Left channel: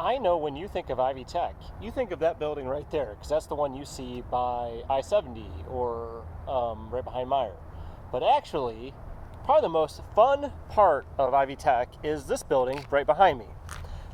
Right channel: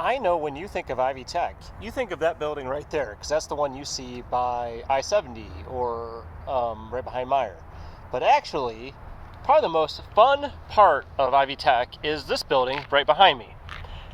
I know when you think of Ivy Tech, you think of that building right there, because that's the one you see by I-70 or right behind Meyer. But actually, probably the most fun part of Ivy Tech is this building right behind me.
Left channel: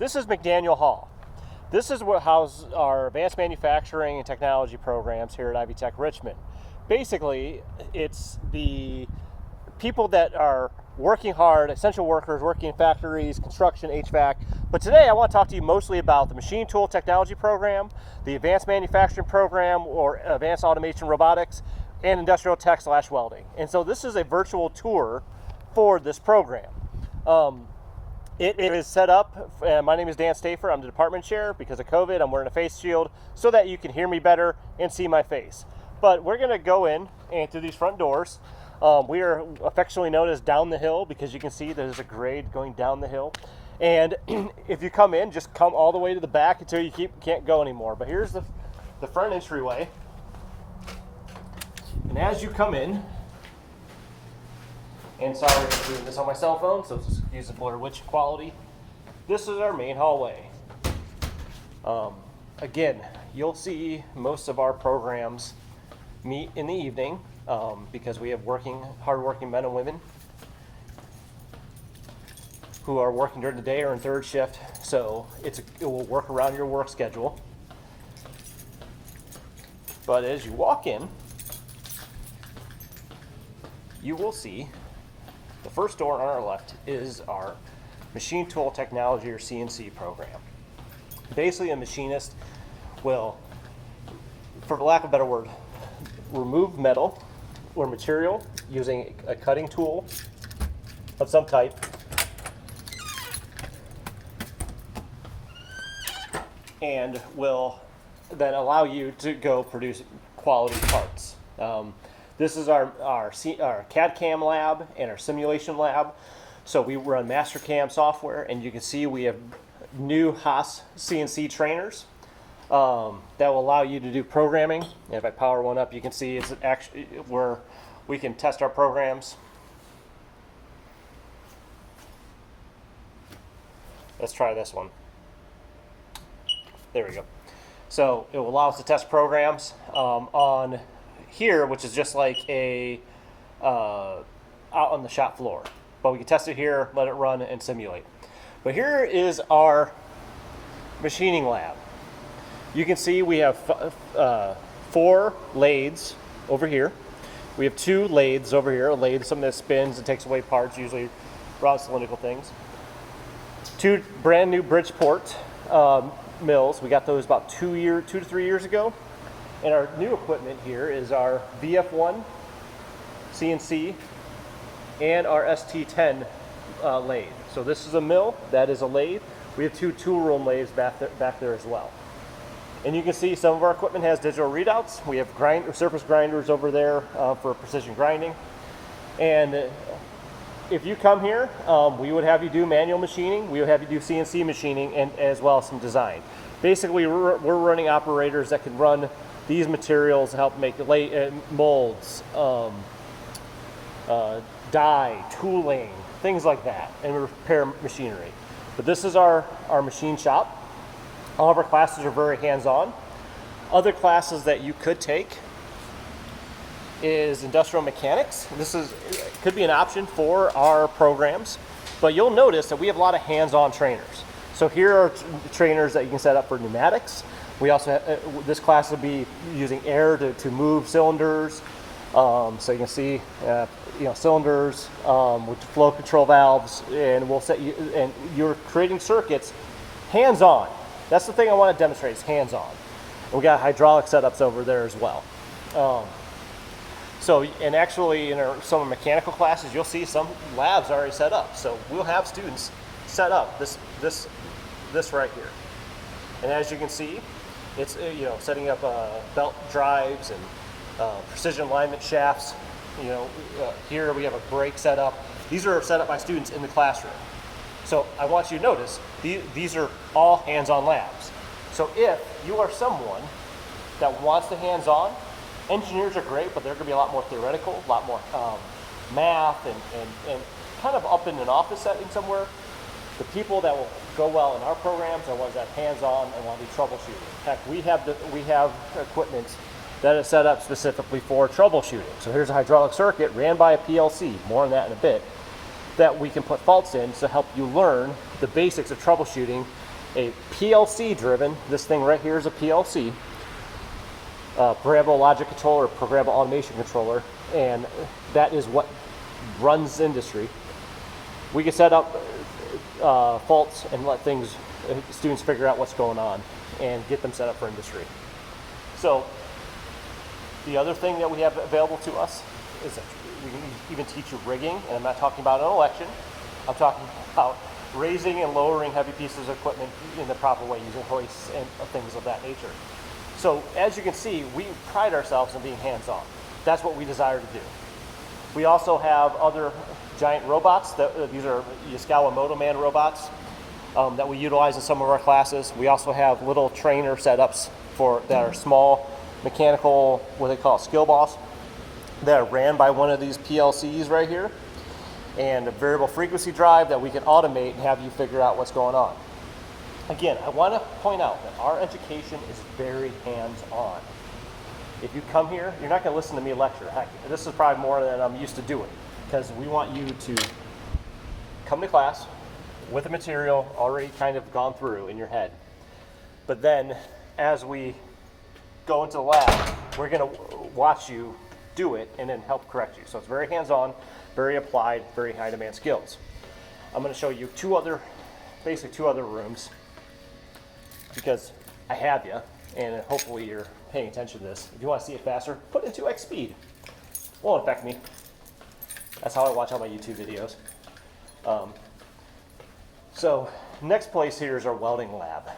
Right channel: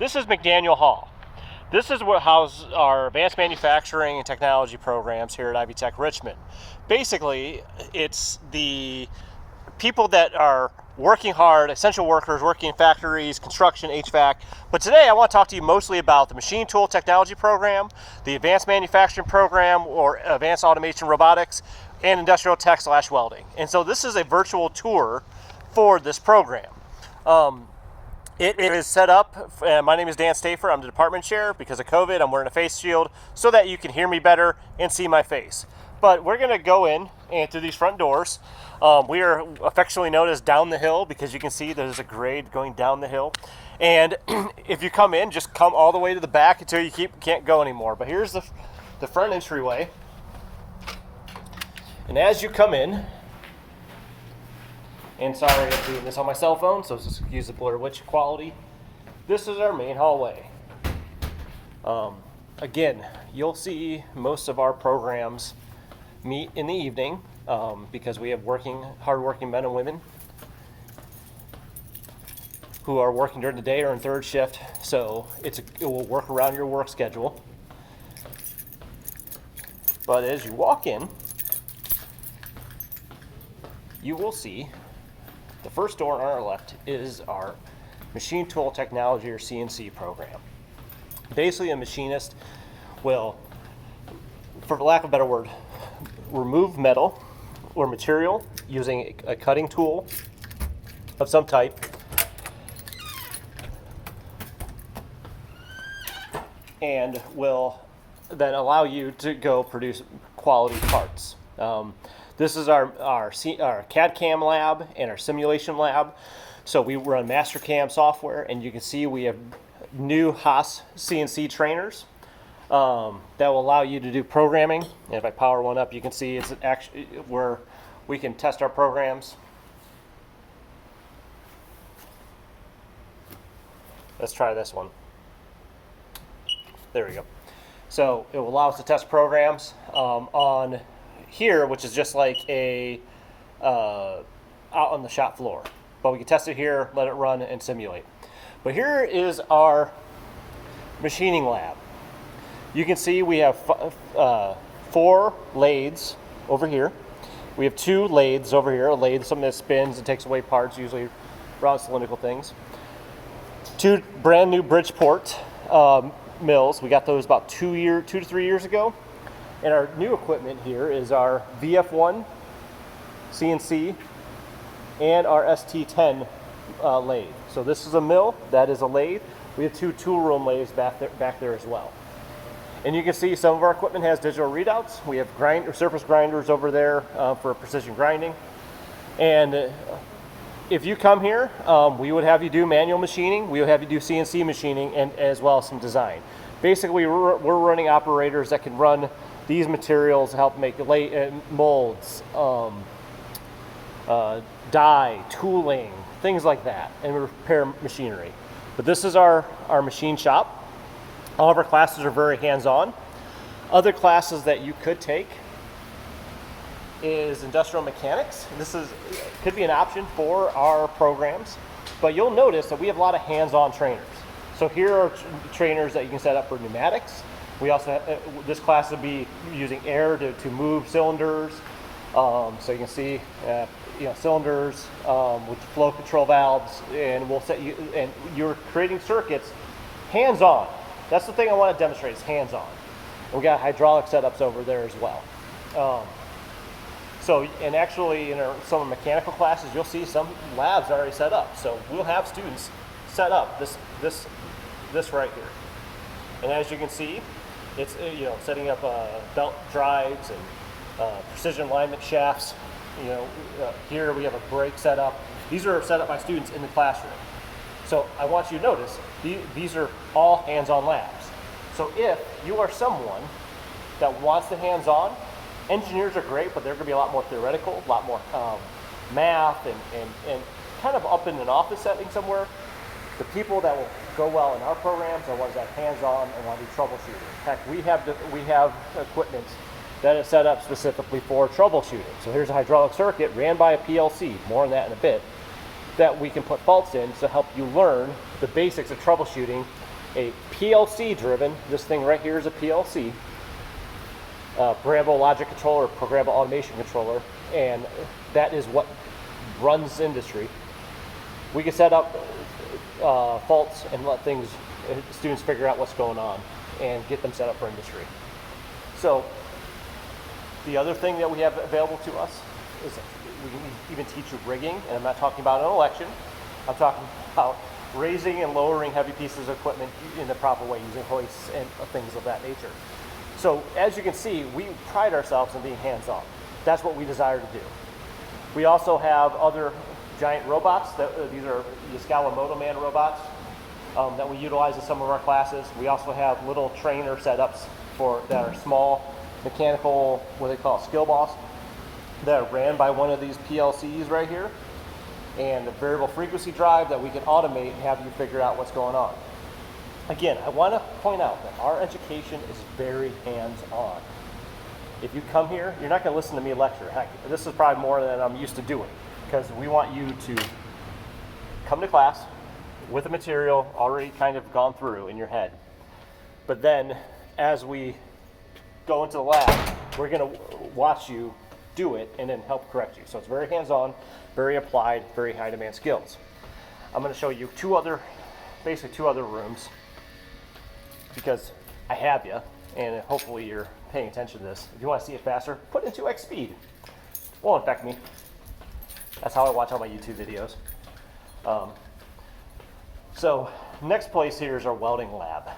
This is McDaniel Hall. This is what houses our advanced manufacturing and technology programs here at Ivy Tech Richmond. Basically, it's the people that are working hard, essential workers working in factories, construction, HVAC. But today I want to talk to you mostly about the machine tool technology program, the advanced manufacturing program or advanced automation robotics, and industrial tech / welding. And so this is a virtual tour for this program. It is set up, my name is Dan Stafer, I'm the department chair. Because of COVID, I'm wearing a face shield so that you can hear me better and see my face. But we're gonna go in and through these front doors. We are affectionately known as down the hill because you can see there's a grade going down the hill. And if you come in, just come all the way to the back until you can't go anymore. But here's the front entryway. And as you come in, and sorry I'm doing this on my cell phone, so just use the Blair Witch quality. This is our main hallway. Again, you'll see most of our programs meet in the evening because we have hard-working men and women who are working during the day or in third shift, so it will work around your work schedule. But as you walk in, you will see the first door on our left is our machine tool technology or CNC program. Basically, a machinist will, for lack of a better word, remove metal or material using a cutting tool of some type, and will then allow you to go produce quality parts. This is our CAD/CAM lab and our simulation lab. So we run Mastercam software, and you can see we have new Haas CNC trainers that will allow you to do programming. And if I power one up, you can see it's actually where we can test our programs. Let's try this one. There we go. So it will allow us to test programs on here, which is just like out on the shop floor. But we can test it here, let it run, and simulate. But here is our machining lab. You can see we have 4 lathes over here. We have 2 lathes over here. A lathe, something that spins and takes away parts, usually round cylindrical things. 2 brand new Bridgeport mills. We got those about 2 to 3 years ago. And our new equipment here is our VF1 CNC and our ST10 lathe. So this is a mill, that is a lathe. We have 2 tool room lathes back there as well. And you can see some of our equipment has digital readouts. We have surface grinders over there for precision grinding. And if you come here, we would have you do manual machining, we would have you do CNC machining, and as well as some design. Basically, we're running operators that can run these materials to help make molds, die, tooling, things like that, and repair machinery. But this is our machine shop. All of our classes are very hands-on. Other classes that you could take is industrial mechanics. This could be an option for our programs, but you'll notice that we have a lot of hands-on trainers. So here are trainers that you can set up for pneumatics. We also have, this class would be using air to move cylinders. So you can see, cylinders with flow control valves, and we'll set you, and you're creating circuits hands-on. That's the thing I want to demonstrate is hands-on. We got hydraulic setups over there as well. And actually in some of the mechanical classes, you'll see some labs already set up. So we'll have students set up this right here. And as you can see, it's setting up belt drives and precision alignment shafts. Here we have a brake set up. These are set up by students in the classroom. So I want you to notice these are all hands-on labs. So if you are someone that wants the hands-on, engineers are great, but they're going to be a lot more theoretical, a lot more math, and kind of up in an office setting somewhere. The people that will go well in our programs are ones that are hands-on and want to do troubleshooting. Heck, we have equipment that is set up specifically for troubleshooting. So here's a hydraulic circuit ran by a PLC, more on that in a bit, that we can put faults in to help you learn the basics of troubleshooting a PLC driven, this thing right here is a PLC, programmable logic controller, programmable automation controller, and that is what runs the industry. We can set up faults and let students figure out what's going on and get them set up for industry. So the other thing that we have available to us is that we can even teach you rigging, and I'm not talking about an election. I'm talking about raising and lowering heavy pieces of equipment in the proper way using hoists and things of that nature. So as you can see, we pride ourselves in being hands-on. That's what we desire to do. We also have other giant robots. These are Yaskawa Motoman robots that we utilize in some of our classes. We also have little trainer setups that are small mechanical, what they call skill balls, that are ran by one of these PLCs right here, and a variable frequency drive that we can automate and have you figure out what's going on. Again, I want to point out that our education is very hands-on. If you come here, you're not going to listen to me lecture. Heck, this is probably more than I'm used to doing, because we want you to come to class with the material already kind of gone through in your head. But then as we go into the lab, we're going to watch you do it and then help correct you. So it's very hands-on, very applied, very high demand skills. I'm going to show you basically two other rooms, because I have you, and hopefully you're paying attention to this. If you want to see it faster, put it in 2x speed. Won't affect me. That's how I watch all my YouTube videos. So next place here is our welding lab.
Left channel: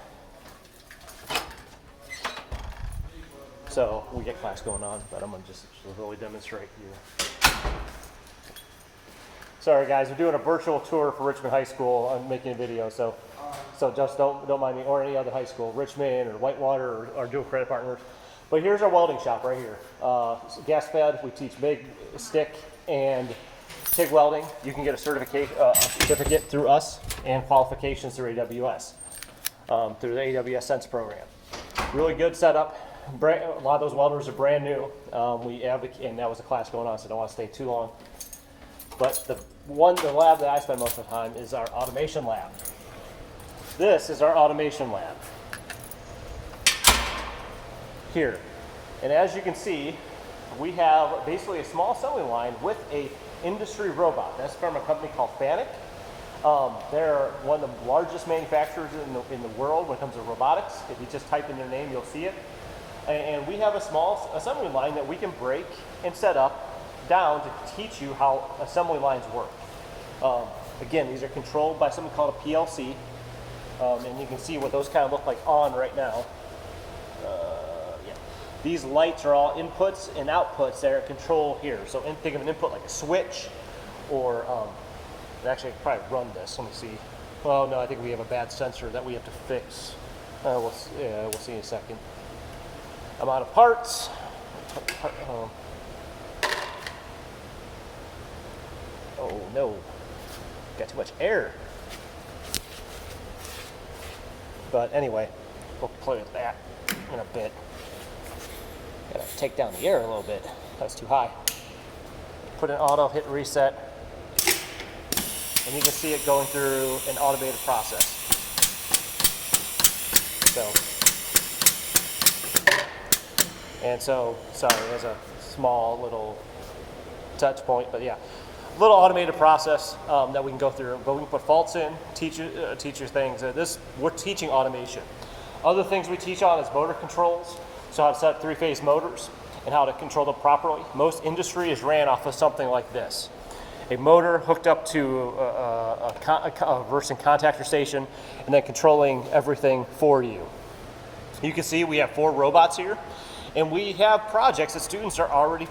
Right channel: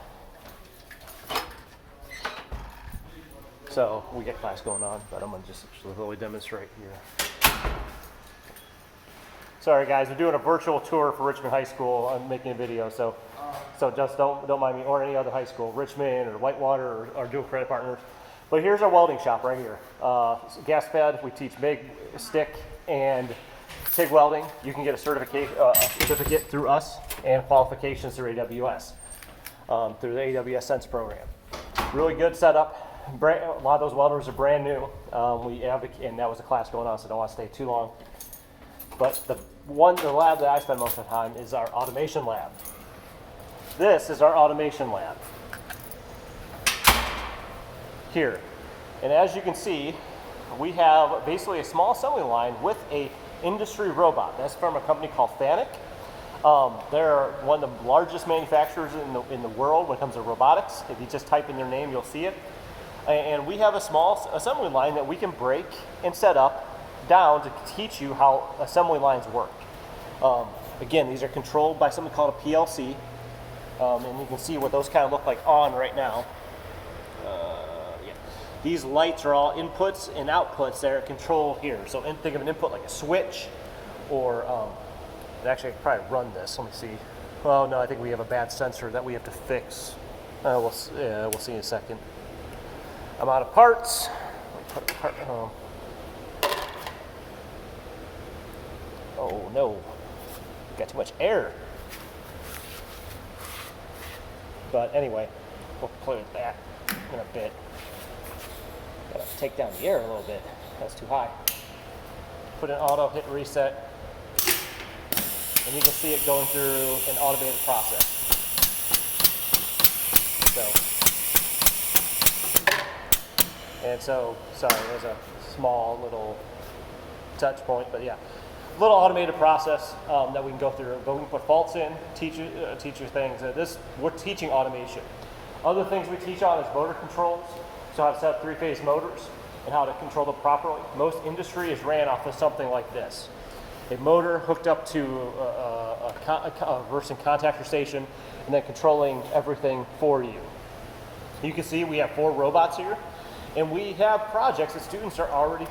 So we get class going on, but I'm going to just really demonstrate here. Sorry guys, we're doing a virtual tour for Richmond High School. I'm making a video, so just don't mind me, or any other high school, Richmond or Whitewater or dual credit partners. But here's our welding shop right here. Gas fed, we teach MIG, stick, and TIG welding. You can get a certificate through us and qualifications through AWS, through the AWS Sense program. Really good setup. A lot of those welders are brand new. We advocate, and that was a class going on, so I don't want to stay too long. But the lab that I spend most of the time is our automation lab. This is our automation lab here. And as you can see, we have basically a small assembly line with a industry robot. That's from a company called Fanuc. They're one of the largest manufacturers in the world when it comes to robotics. If you just type in their name, you'll see it. And we have a small assembly line that we can break and set up down to teach you how assembly lines work. Again, these are controlled by something called a PLC. And you can see what those kind of look like on right now. Yeah. These lights are all inputs and outputs that are controlled here. So think of an input like a switch, or actually I could probably run this. Let me see. Oh no, I think we have a bad sensor that we have to fix. We'll see in a second. I'm out of parts. Oh no, got too much air. But anyway, we'll play with that in a bit. Gotta take down the air a little bit. That's too high. Put in auto, hit reset, and you can see it going through an automated process. Sorry, there's a small little touch point, but yeah. Little automated process that we can go through, but we can put faults in, teach you things. We're teaching automation. Other things we teach on is motor controls, so how to set up three-phase motors and how to control them properly. Most industry is ran off of something like this. A motor hooked up to a reversing contactor station and then controlling everything for you. You can see we have 4 robots here, and we have projects that students are already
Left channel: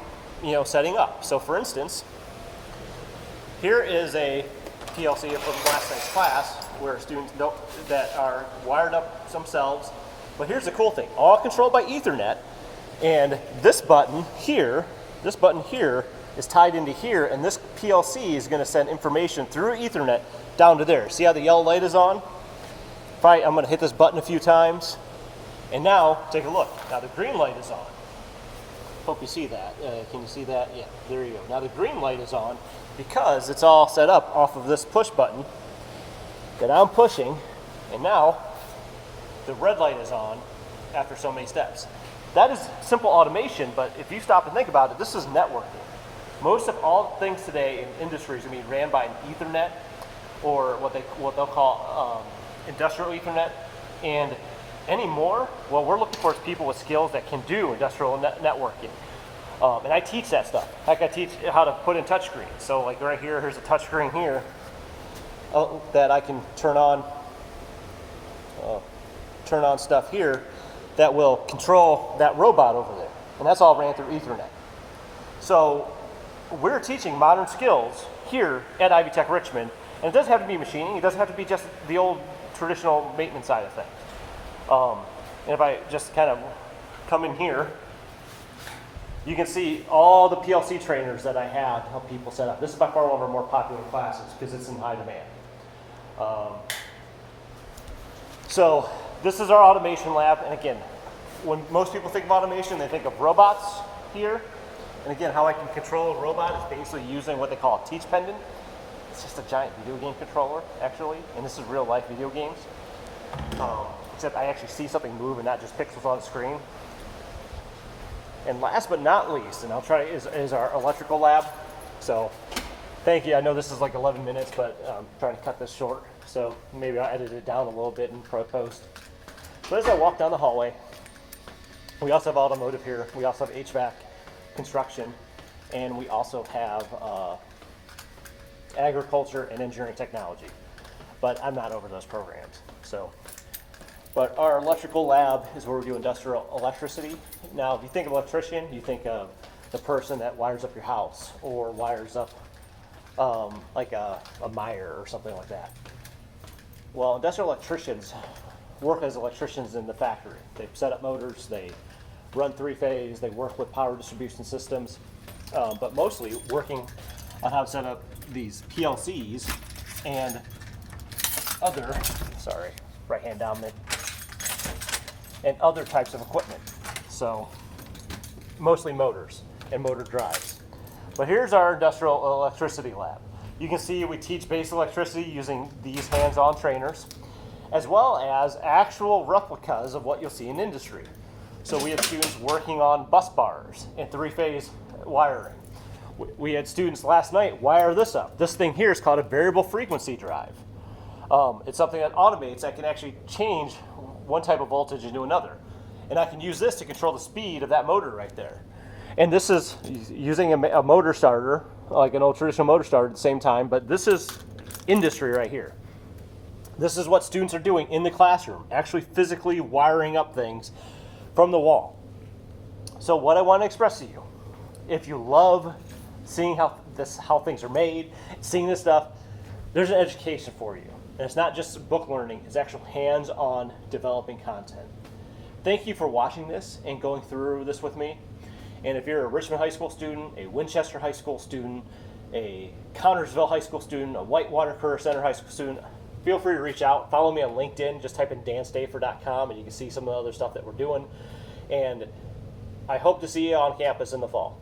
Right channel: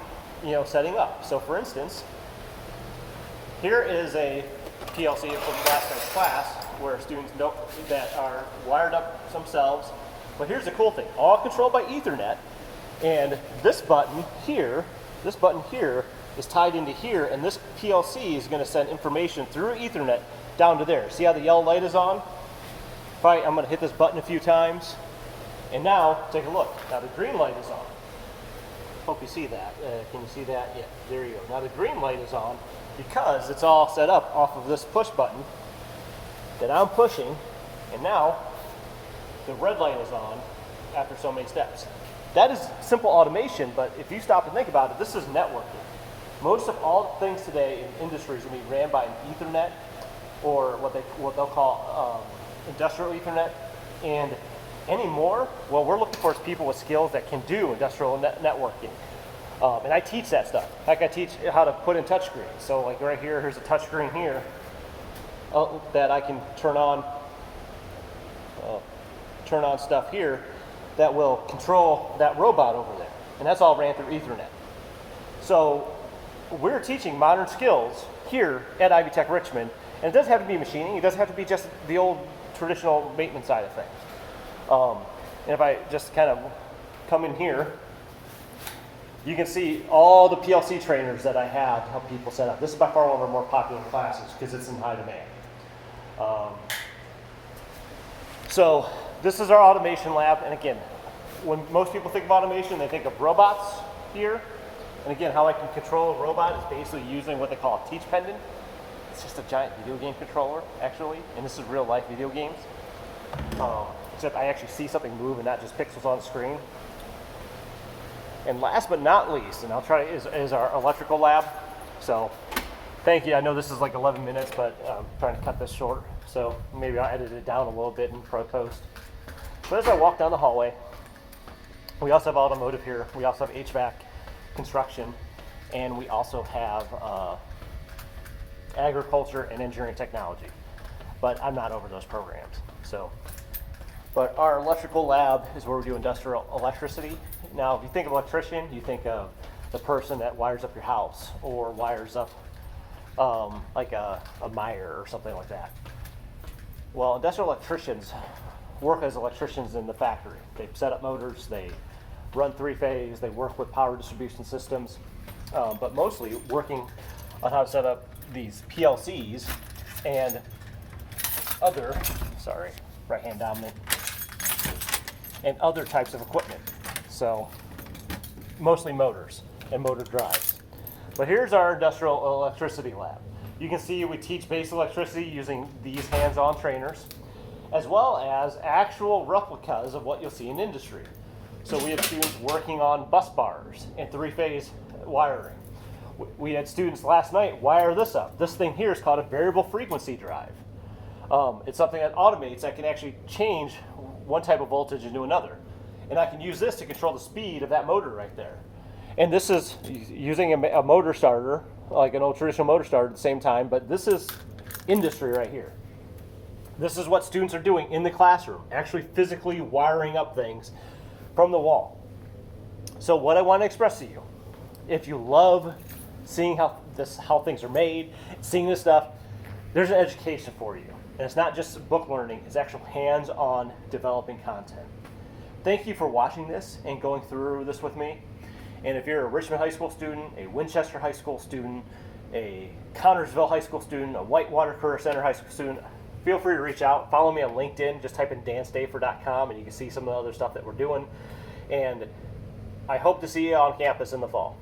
setting up. So for instance, here is a PLC from last night's class where students that are wired up themselves. But here's the cool thing, all controlled by Ethernet, and this button here is tied into here, and this PLC is going to send information through Ethernet down to there. See how the yellow light is on? I'm going to hit this button a few times, and now take a look. Now the green light is on. Hope you see that. Can you see that? Yeah, there you go. Now the green light is on because it's all set up off of this push button that I'm pushing, and now the red light is on after so many steps. That is simple automation, but if you stop and think about it, this is networking. Most of all things today in industries are being ran by an Ethernet, or what they'll call industrial Ethernet, and anymore, what we're looking for is people with skills that can do industrial networking. And I teach that stuff. Heck, I teach how to put in touchscreens. So like right here, here's a touchscreen here that I can turn on stuff here that will control that robot over there. And that's all ran through Ethernet. So we're teaching modern skills here at Ivy Tech Richmond. And it doesn't have to be machining. It doesn't have to be just the old traditional maintenance side of things. And if I just kind of come in here, you can see all the PLC trainers that I have to help people set up. This is by far one of our more popular classes because it's in high demand. So this is our automation lab. And again, when most people think of automation, they think of robots here. And again, how I can control a robot is basically using what they call a teach pendant. It's just a giant video game controller, actually. And this is real life video games. Except I actually see something move and not just pixels on the screen. And last but not least, and I'll try, is our electrical lab. So thank you. I know this is like 11 minutes, but I'm trying to cut this short. So maybe I'll edit it down a little bit in post. But as I walk down the hallway, we also have automotive here. We also have HVAC, construction, and we also have agriculture and engineering technology. But I'm not over those programs. But our electrical lab is where we do industrial electricity. Now, if you think of electrician, you think of the person that wires up your house or wires up like a mire or something like that. Well, industrial electricians work as electricians in the factory. They set up motors, they run three-phase, they work with power distribution systems, but mostly working on how to set up these PLCs and other, right hand dominant, and other types of equipment. So mostly motors and motor drives. But here's our industrial electricity lab. You can see we teach basic electricity using these hands-on trainers, as well as actual replicas of what you'll see in industry. So we have students working on bus bars and three-phase wiring. We had students last night wire this up. This thing here is called a variable frequency drive. It's something that automates, that can actually change one type of voltage into another. And I can use this to control the speed of that motor right there. And this is using a motor starter, like an old traditional motor starter at the same time, but this is industry right here. This is what students are doing in the classroom, actually physically wiring up things from the wall. So what I want to express to you, if you love seeing how things are made, seeing this stuff, there's an education for you. And it's not just book learning, it's actual hands-on developing content. Thank you for watching this and going through this with me. And if you're a Richmond High School student, a Winchester High School student, a Connersville High School student, a Whitewater Career Center High School student, feel free to reach out. Follow me on LinkedIn. Just type in danstafer.com and you can see some of the other stuff that we're doing. And I hope to see you on campus in the fall.